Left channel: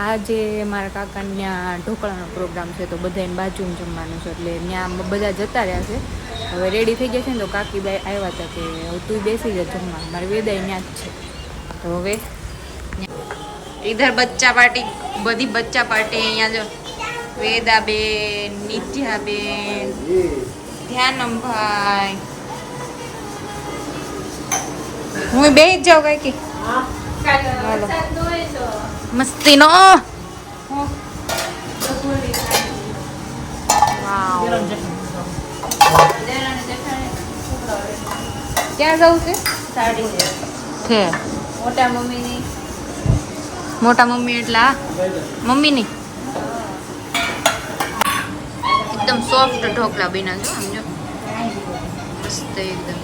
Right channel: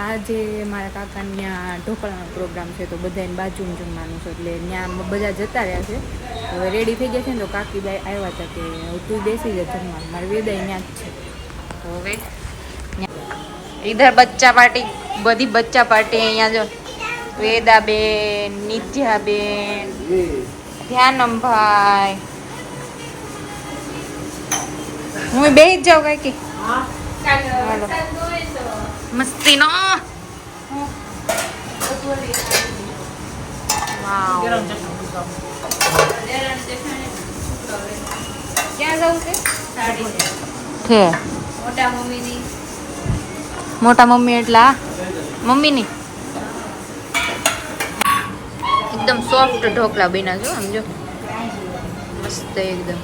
આજે મારા કાકાને ત્યાં ઢોકળાનો પ્રોગ્રામ છે તો બધાને બાજુમાં જમવાનું છે એટલે ત્યાં બધા જતા રહ્યા છે. હવે રેડી થઈ ગયા છે ને તો કાકીબાઈ આવ્યા હતા કે તું બેસી જા જમવા. મારે વેદાઈ ત્યાં જ છે. હવે ઇધર બચ્ચા પાર્ટી, બધી બચ્ચા પાર્ટી અહીંયા જો વેદાબેન, નિત્યાબેન, ધ્યાનમભાઈ. હું બેસી જ જાઉં કઈ કે હાલો મસ્તી નો. ક્યાં જવું છે? મોટા મમ્મી એટલે મમ્મીની એકદમ સોફ્ટ ઢોકળા બન્યા છો સમજો, મસ્ત એકદમ.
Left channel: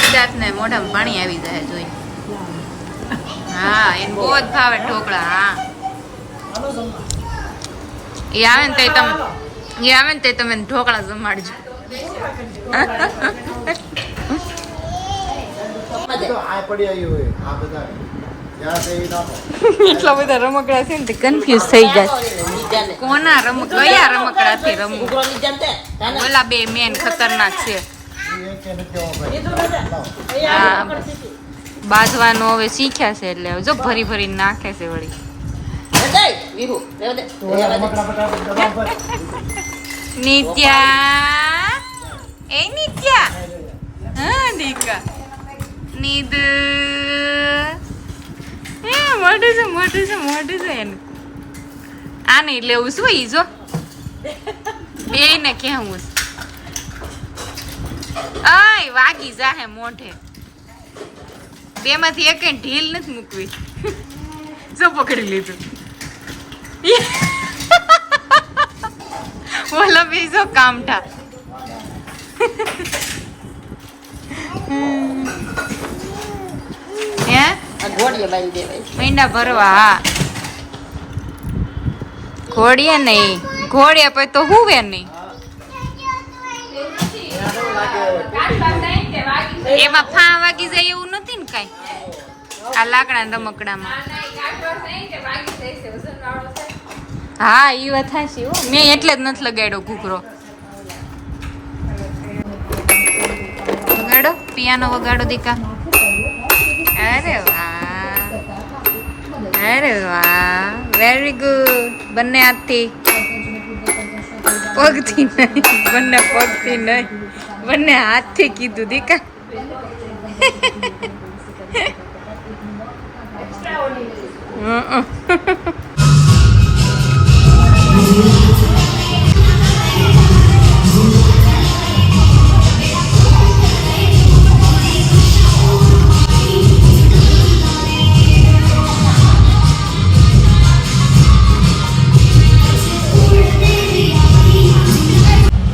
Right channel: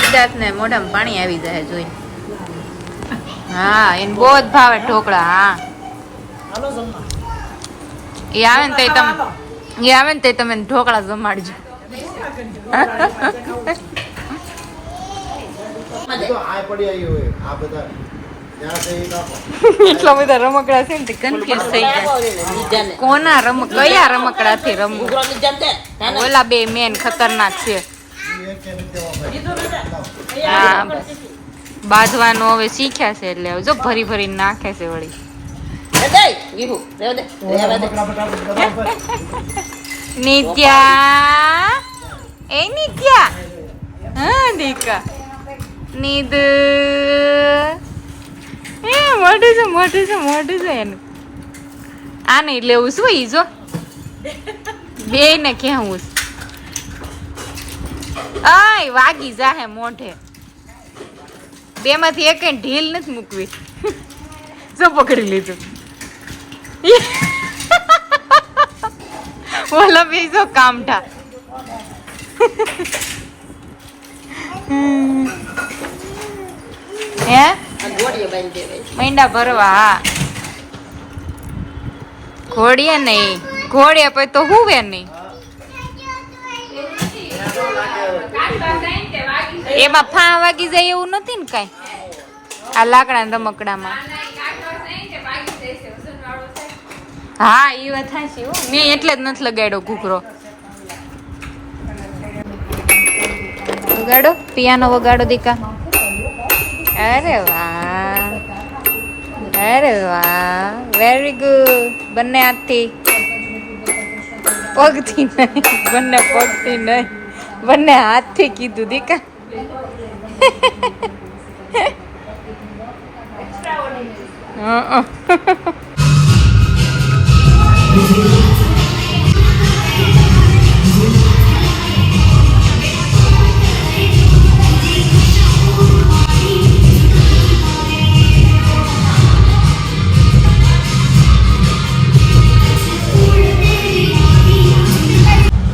સિદ્ધાર્થ ને મોઢામાં પાણી આવી જાય જોઈને. હા એને બહુ જ ભાવે ઢોકળા. હા એ આવે ને તે તમે ઢોકળા જમાડજો. એટલા બધા રમકડા છે ને કન્ફ્યુઝ થઈ ગયા કોના કયા રમકડા થી રમવું. ઓલા બે મેન ખતરનાક છે. હા બાંધવાનું હવે શીખ્યા છે એટલે જો ભરી ભરી નાખે છે વળી. નિત્યા એ નિત્યા હા દીકા નીદ એ મોટું છે એનું. આ નહીં લેવું શું ઈ જો બે ને કેવું આય વાગી જાહે મોઢે. બે માંથી એક ઢીલ નથી મૂકવી. શું પકડી લીધું ઓલા બે જો કામઠા. હે મહિના ભરવા. હા ઘોડીએ નહીં, ઘોડીએ પછી તો હુવે નહીં. એમાં ફા વાગી જાય એવું નથી ને કઈ આ લાકડા રમકડામાં. હા એ વાત છે. મેં એટલે જ નથી લગાડ્યો ઘૂઘરો. વગાડો પિયાનો વગાડો દીકા. અરે વાહ અરે વાહ વેરી ગુડ. બંને હાથથી પગથી નહીં, બંને પગથી નહીં, બંને હાથથી કીધું દીકા.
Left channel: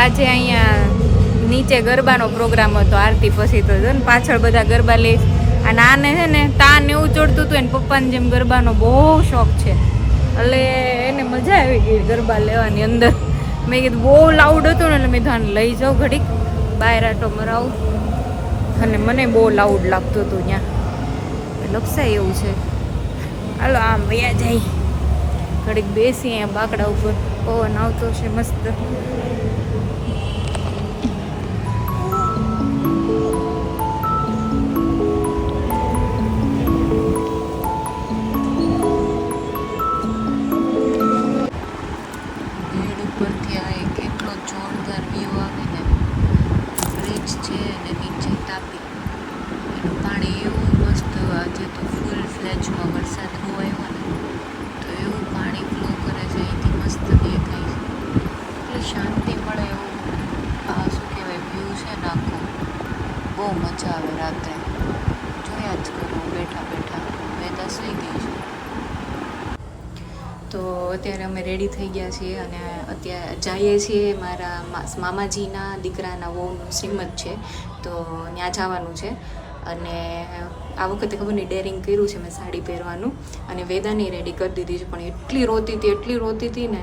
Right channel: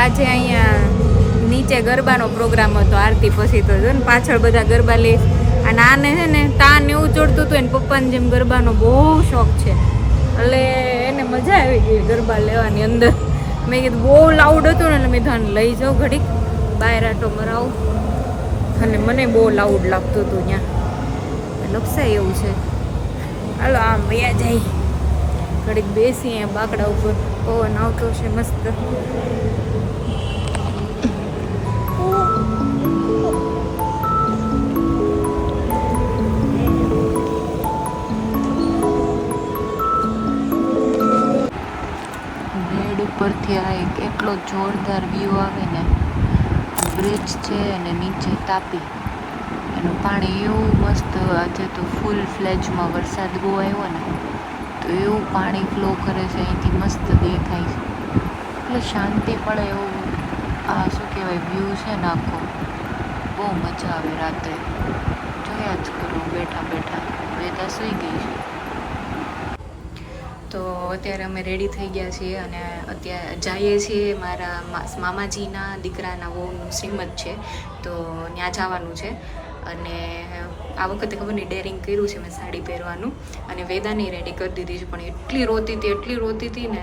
આજે અહીંયા નીચે ગરબાનો પ્રોગ્રામ હતો આરતી પછી તો જો ને પાછળ બધા ગરબા લે. અને આને છે ને તાન એવું ચડતું હતું એને પપ્પાને જેમ ગરબાનો બહુ શોખ છે એટલે એને મજા આવી ગઈ ગરબા લેવાની અંદર. મેં કીધું બહુ લાઉડ હતું ને એટલે મેં ધાન લઈ જાઉં ઘડીક બહાર આટો મરાવું. અને મને બહુ લાઉડ લાગતું હતું ત્યાં લપસાય એવું છે. હાલો આમ વયા જાય ઘડીક બેસી અહીંયા બાકડા ઉપર પવન આવતો છે મસ્ત. કેટલો જોરદાર વ્યૂ આવે ને. બ્રિજ છે અને નીચે તાપી એનું પાણી એવું મસ્ત. આજે તો ફૂલ ફ્લેજમાં વરસાદ બહુ આવ્યો ને તો એવું પાણી ફ્લો કરે છે અહીંથી મસ્ત દેખાય છે એટલે શાંતિ પડે એવું. આ શું કહેવાય વ્યૂ છે ને આખો બહુ મજા આવે. રાત્રે જોયા જ કરો બેઠા બેઠા. વેદા સુઈ ગઈ છે. તો અત્યારે અમે રેડી થઈ ગયા છીએ અને અત્યારે જઈએ છીએ મારા મામાજીના દીકરાના વહુનું શ્રીમંત છે તો ત્યાં જવાનું છે. અને આ વખતે ખબર નહીં ડેરિંગ કર્યું છે મેં સાડી પહેરવાનું. અને વેદાને રેડી કરી દીધી છે પણ એટલી રોતી હતી ને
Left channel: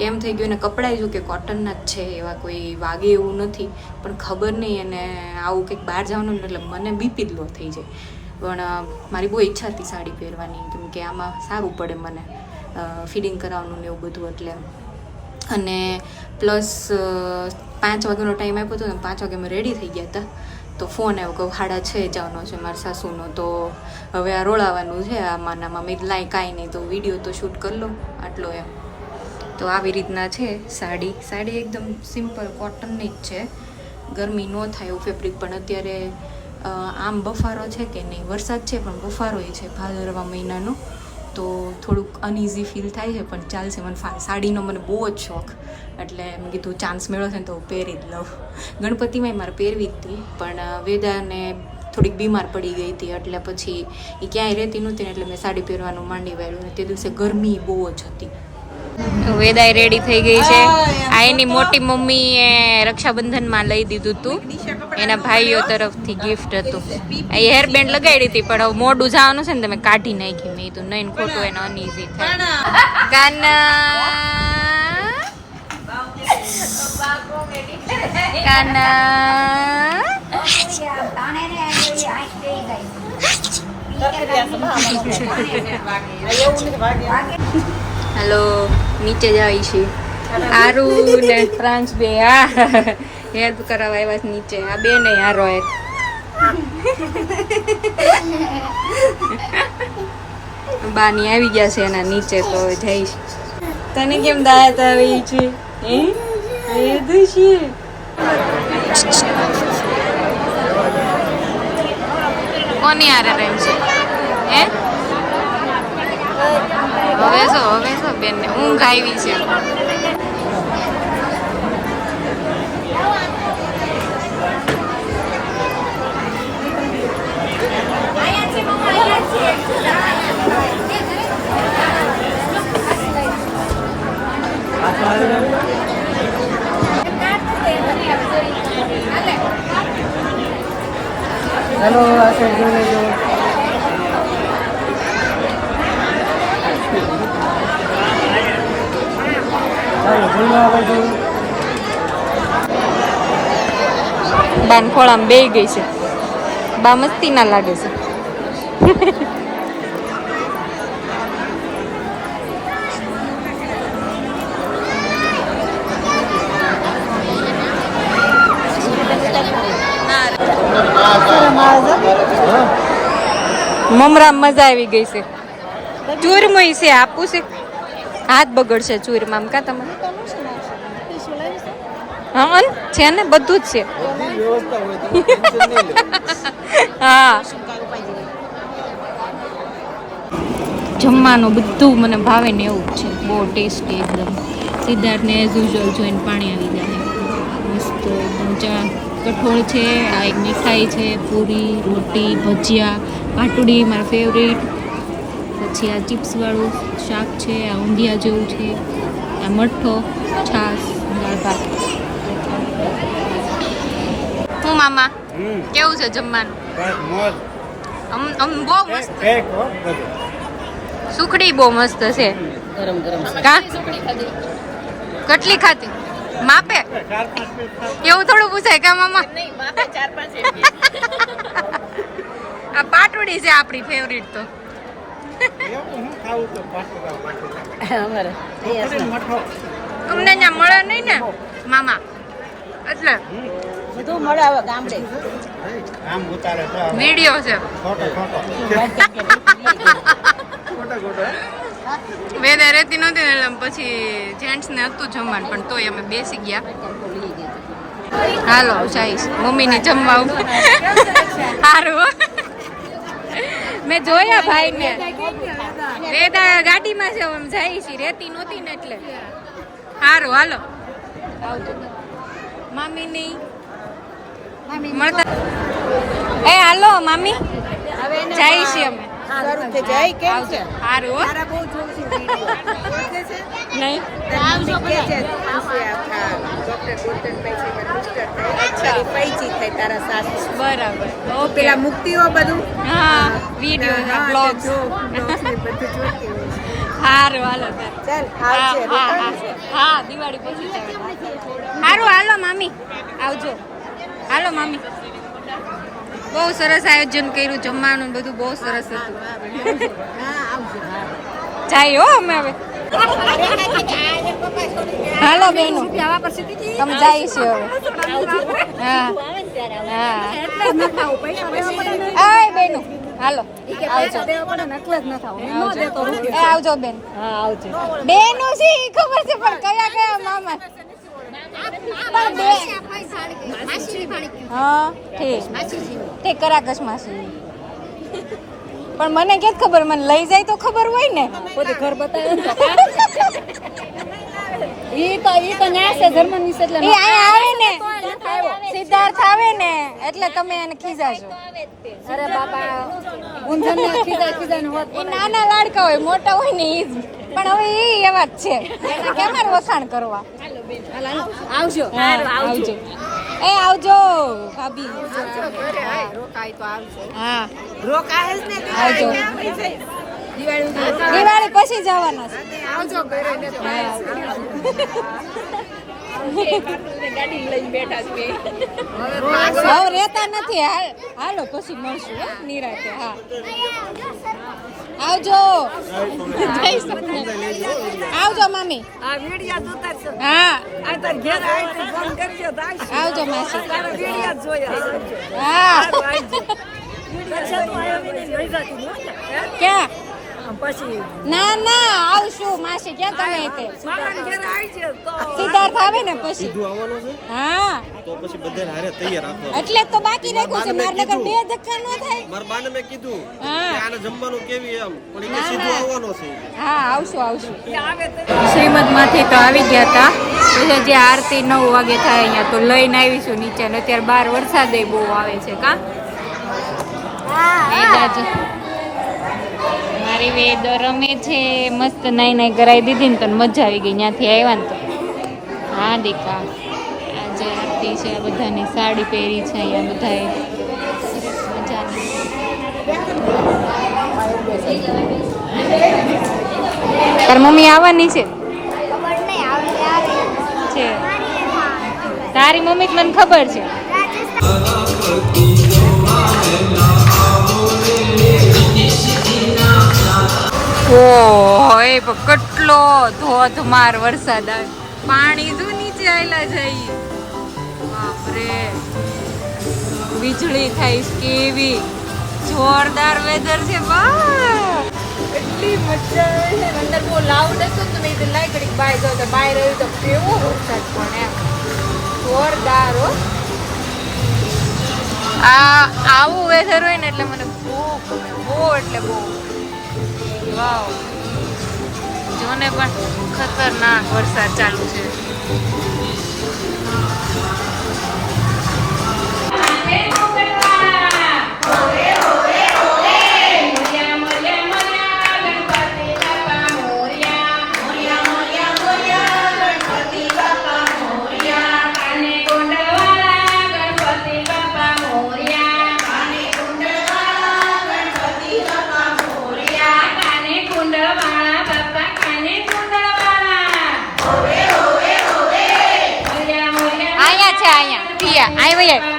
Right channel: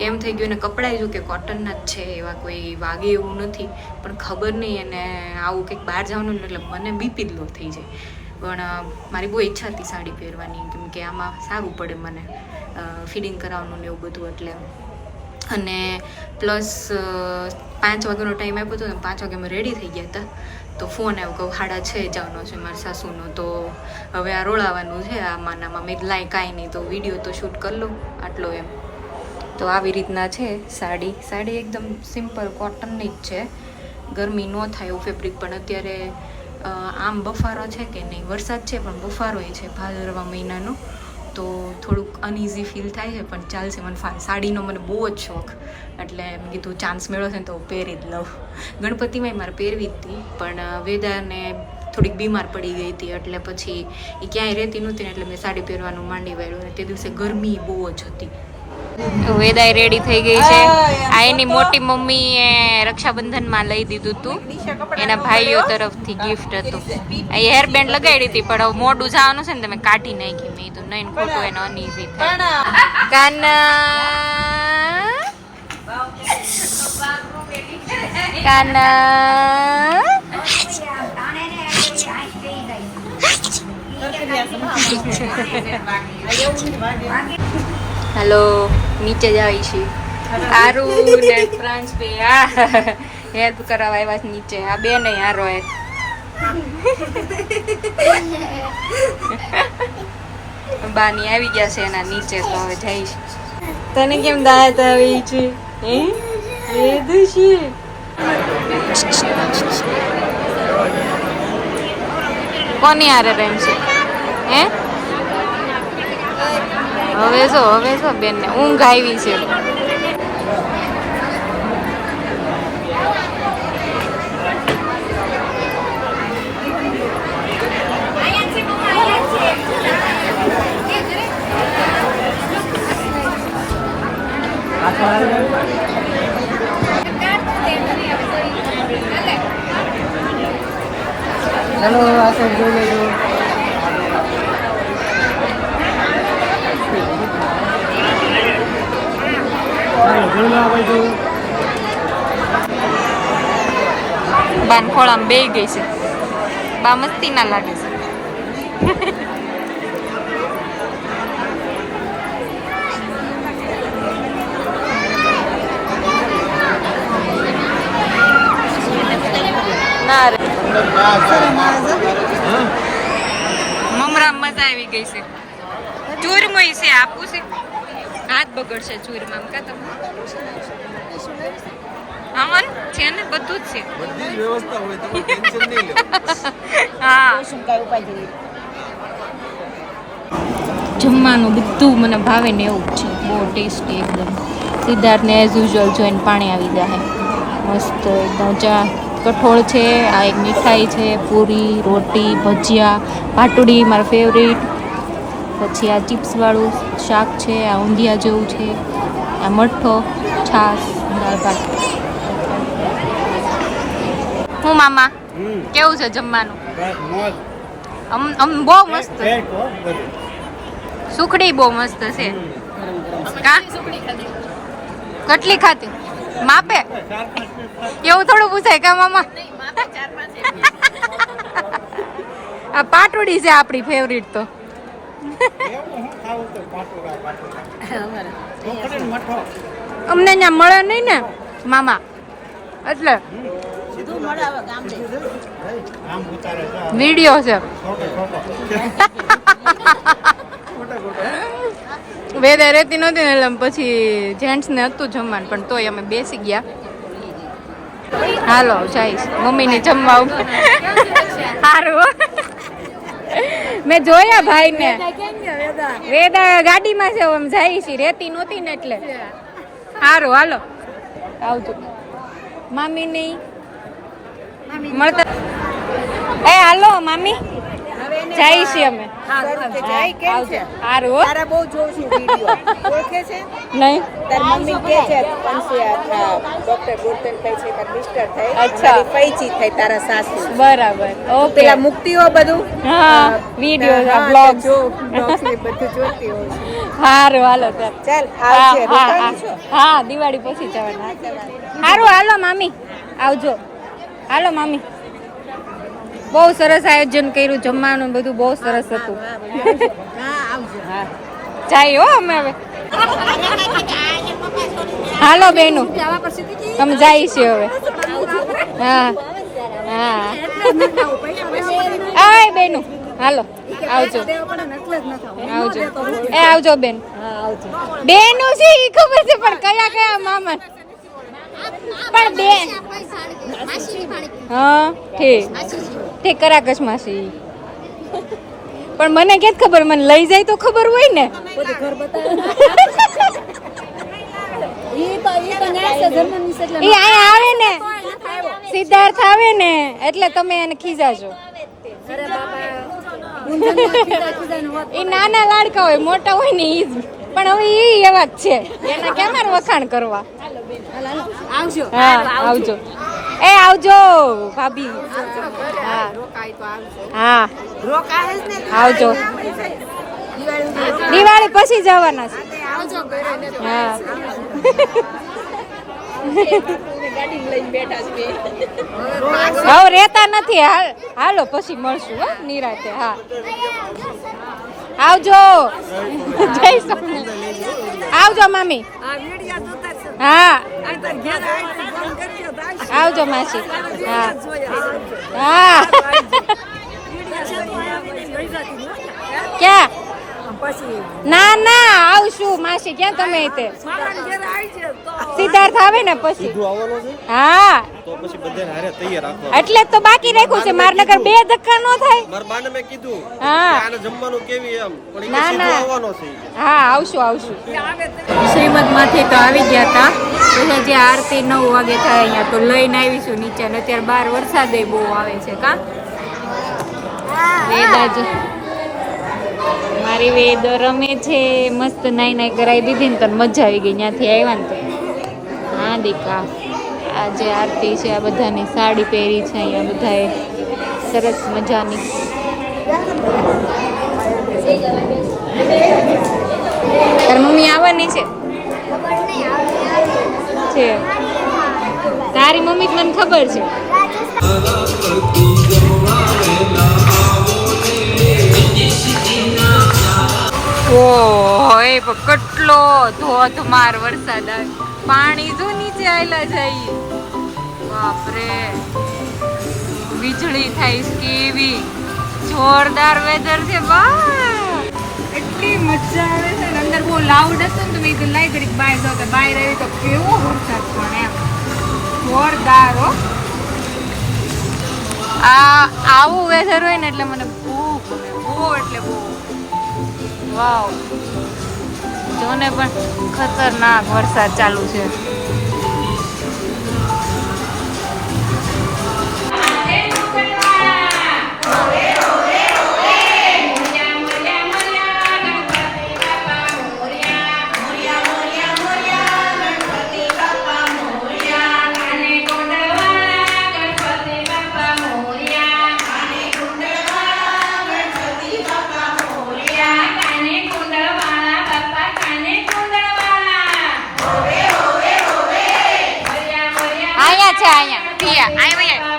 કેમ થઈ ગયું એને કપડાં જો કે કોટનના જ છે એવા કોઈ વાગે એવું નથી. પણ ખબર નહીં એને આવું કંઈક બહાર જવાનું એટલે મને બીપી લો થઈ જાય. પણ મારી બહુ ઈચ્છા હતી સાડી પહેરવાની કેમ કે આમાં સારું પડે મને. ફીડિંગ કરાવવાનું ને એવું બધું એટલે. અને પ્લસ 5 વાગ્યાનો ટાઈમ આપ્યો હતો ને 5 વાગે અમે રેડી થઈ ગયા હતા તો ફોન આવ્યો કહું 6:30 જવાનો છે મારા સાસુનો, તો હવે આ રોળાવાનું છે આમાં મેં લાઈ કાંઈ નહીં તો વિડીયો તો શૂટ કરી લઉં આટલો એમ. તો આવી રીતના છે સાડી એકદમ સિમ્પલ કોટનની જ છે, ગરમી ન થાય એવું ફેબ્રિક. પણ અત્યારે આમ બફારો છે કે નહીં, વરસાદ છે પણ બફારોય છે ભાદરવા મહિનાનો, તો થોડુંક અનઇઝી ફીલ થાય છે પણ ચાલશે. મને સાડીનો મને બહુ જ શોખ એટલે મેં કીધું ચાન્સ મેળવો છે ને તો પહેરી જ લઉં. ગણપતિમાંય મારે પહેરવી જ હતી પણ વેદાને થોડીક બીમાર પડી ગઈ હતી એટલે પછી એ ક્યાંય રહેતી નહોતી ને એટલે મેં સાડી પહેરવાનું માંડી વાળ્યું. અને તે દિવસે ગરમી બહુ જ હતી. વેદાય રેડી થઈ ગઈ છે. આ એની મોટી મમ્મીએ રક્ષાબંધનમાં લઈ દીધું હતું, એના ભાઈઓ તરફથી ગિફ્ટ હતું. એ હેર બેન્ડ લગાડી હતી પણ હવે મોડું જવાનું છે ને તમે કાઢી નાખી. મેં તો નહીં ખોટું એને અનઈઝી થાય. કાના હેલો, નીચે જ આવી છે આરુ ને ફ્રાન્સ બે. હા હેલ્પ કરાવવા આવ્યા છે નીચે. આ બે ને હારો એક બાની આવી ગયા છે એના નીચે તો હવે જઈશ. તને કેમ દાંત આવી છે એ દુશી? કોની હારે રેમ છે હે? હવે જો બેન ને ઊંઘ આવી છે. હેલો, આ સાઈડ જોઈ લેજો. બાન ખોળામાં બેહી ગઈ છે. બા મસ્તી ના લાગે છે. મમરામ મજા આવી ગઈ છે. ચૂરમુઈ છે આપું છે, હાથ બગડશે ચૂરમામ કા તમને? હા છે ને બધું જ છે. હા જમવાનું બધું મને ભાવે ને એવું છે, બહુ ટેસ્ટી એકદમ. સિદ્ધાર્થને એઝ યુઝ્યુઅલ જોઈને પાણી આવી જાય. મસ્ત એકદમ ચા કઠોળ છે, આ એક મીઠાઈ છે, પૂરી રોટી ભજીયા પાટુડી મારા ફેવરેટ, પછી આ ચિપ્સવાળું શાક છે, આ ઊંધિયા જેવું છે, આ મઠ્ઠો, છાશ, દાળ ભાત. હું મામા કેવું છે જમવાનું? બહુ મસ્ત. સુખડી બહુ મસ્ત છે. કેટલી ખાધી? માપે એવું થોડું પૂછાય કા મામા? આ પાટોડી છે આપણી ફેવરિટ. તો અમને ત્યાં મળે નહીં ને મામા એટલે વિડીયો છે. વેદા રહેતી નહોતી ને એટલે પછી જેન્ટ્સ ને હતું જમવાનું પણ તોય અમે બેસી ગયા. હાલો જઈશ મમ્મીની જમવા. સારું મેં જોયા ભાઈ ને. વેદા ગાડીમાં છે આમ જાય છે, રહેતી નહોતી ને એટલે. સારું હાલો આવજો. મામીની મળતા એ હાલો મામી જાય છે અમે. આવજો. સારું બહુ જોઉં છું વિડિયો. ઓળખે છે નહીં તાર મમ્મી કે છે અંશે આપણા ડોક્ટર ગોતનભાઈ છે તાર મિસ્ટર થાય. અચ્છા. પૈચી થાય તારા સાસુ. બરાબર. ઓકે પેલા મુક્તિઓ બધું હા વિડિયો બ્લોગ જો બ્લોગ્સ ને બધું જોતી હોય છે. સારું હાલો ચાલ આવશે રોકાણી છે. હા દિવાળી પછી જવાનું. સારું હાલો મામી આવજો. હાલો મામી બહુ સરસ આયોજન કર્યું, જમવાનું બધું બહુ સરસ હતું. હા આવજો. જાય હો અમે હવે. હાલો બેનું તમે જાય છે હવે હા હા એ બેનું હાલો આવજો એ આવજો બેન બેનું છે ઈ ખબર છે પણ કયા કયા મામા પણ બેન હા ઠીક કરાકશ માસી પણ મને કેત ખબર મને લઈ જાય તો ખબર હોય ને પોતે ઘર બતાવે ઈ તો ન્યાય છે ધર્મ ની એટલે ઈ આ આવે ને સિદ્ધાર્થ આવે ને એટલે તમે એને ખીજાજો અરે બાપા ઊંધન ના ખીજા નો વાત ઈ નાના લાડકા હોય મોટા હોય ને ઈ પણ હવે ઈ એવા જ છે એને કેમાર વખાણ કરવા આવજો હા આવજો એ આવજો ભાભી રોકાય તો આવજો હા રોકાય જ ને આવજો દિવાળી પછી જવાના છે આવજો ઘરે ને હા ગાડી લઈને બેઠા છે હવે રહેતા નથી હાલો પછી મળશું હો નિરાતે હા આવજો જય સોમનાથ આવજો મામી આ વિડિયા જોતા છે હા આ તાર ઘેર આવી ફોન કરજો તો આવજો માસી વિડિયા જોયા હા વિડિયા છે તો આયા લઈ જાતી ક્યાં પછી ના ના આવશું માસી ક્યાં તમે તે મામાને ઘેર આવી છે તો સિદ્ધાર્થ આવે ને પછી હા તો પછી બધાને હારે તૈયાર રાખો એટલે જ તો બાકી રાખ્યું છે મારનગર બે ધક્કા નો થાય મારા બાને મેં કીધું હા. કે આને જમવાનું કેવી એમ પણ ના, એ સીધું ના. આવવાનો છે હા આવશું શ્રીમદ માંથી તો આવી ગયા હતા પછી જે આરતી 9 વાગે થાય અહીંયા તો લઈને આવીશું નીચે ને અત્યારે બહાર વરસાદ બહુ આવે છે કા વેદાજ મારી વેદ રમે છે મસ્ત નાઈ કરાવી દીધી ને તો મજા આવી ગઈ ત્યાંથી આવ્યા ને તો હા દીકા આ જે આરતી છે આ બધાની સાડી પહેરી છે અહીંયા બધાએ સરસ મજાની તાર મમ્મી આવવાની છે તારી મમ્મી મને ખબર છે ઓય કેટલો ધોધમાર વરસાદ આવે પાણી જો નીચે આયલા જાય બાપરે વીજળી થાય છે કેવી જોરદાર વેધર છે વાહ એટલી મજા આવે છે ને અંદર બહુ લાઉડ હશે ને તો મેં કીધું લાઈ ઘડીક બહાર જાવ તો બહાર આવી તો કેવો વરસાદ પણ એમ જોરદાર હો આવું વેધર હોય ને એટલે મને બહુ ગમે બહુ એટલે બહુ વાવ જોને પણ ખતરનાક વરસાદ ચાલુ છે અહીંયા છે અહીંયા પ્રિયા અહીં વઈ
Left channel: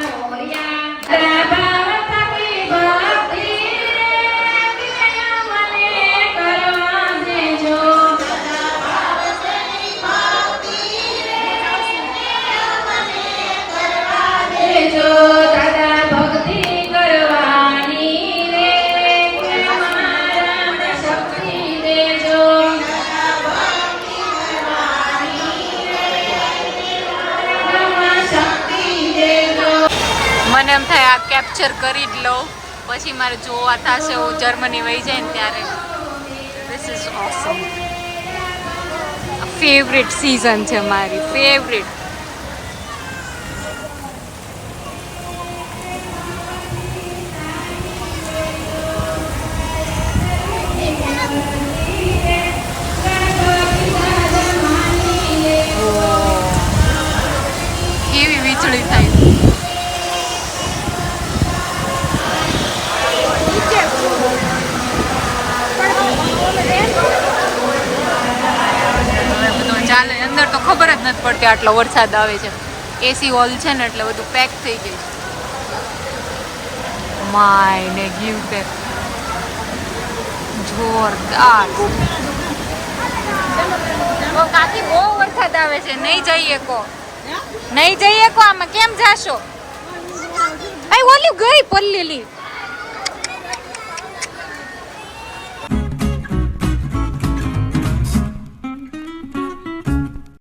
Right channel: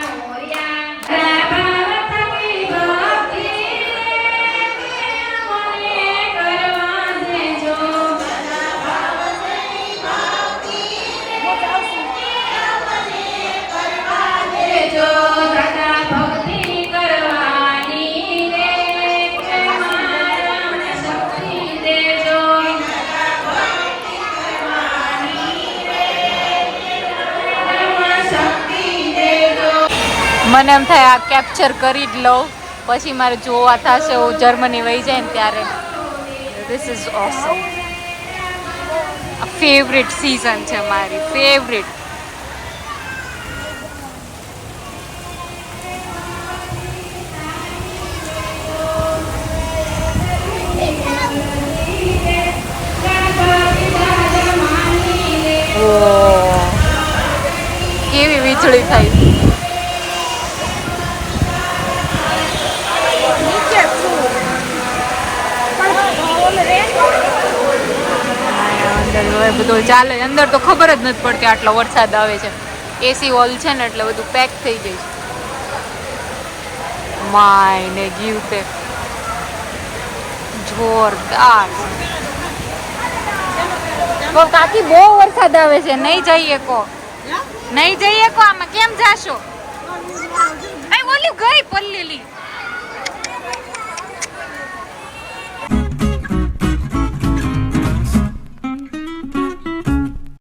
મને એમ થાય આ કેપ્ચર કરી જ લઉં પછી મારે જોવા થશે હું જર્મની વહી જાય ને ત્યારે this is awesome favourite season છે મારી ફેવરેટ કેવી વીજળી થાય બધું ચાલે અંદર તો ખબર જ નથી પડતી આટલો વરસાદ આવે છે એસી હોલ છે ને એટલે બધું પેક થઈ જાય છે માય ને ગીવ પેક જોરદાર બાકી બહુ વરસાદ આવે છે નહીં જઈએ કો નહીં જઈએ કો આમાં કેમ જાશો? ઓલી ગઈ પલ્લીલી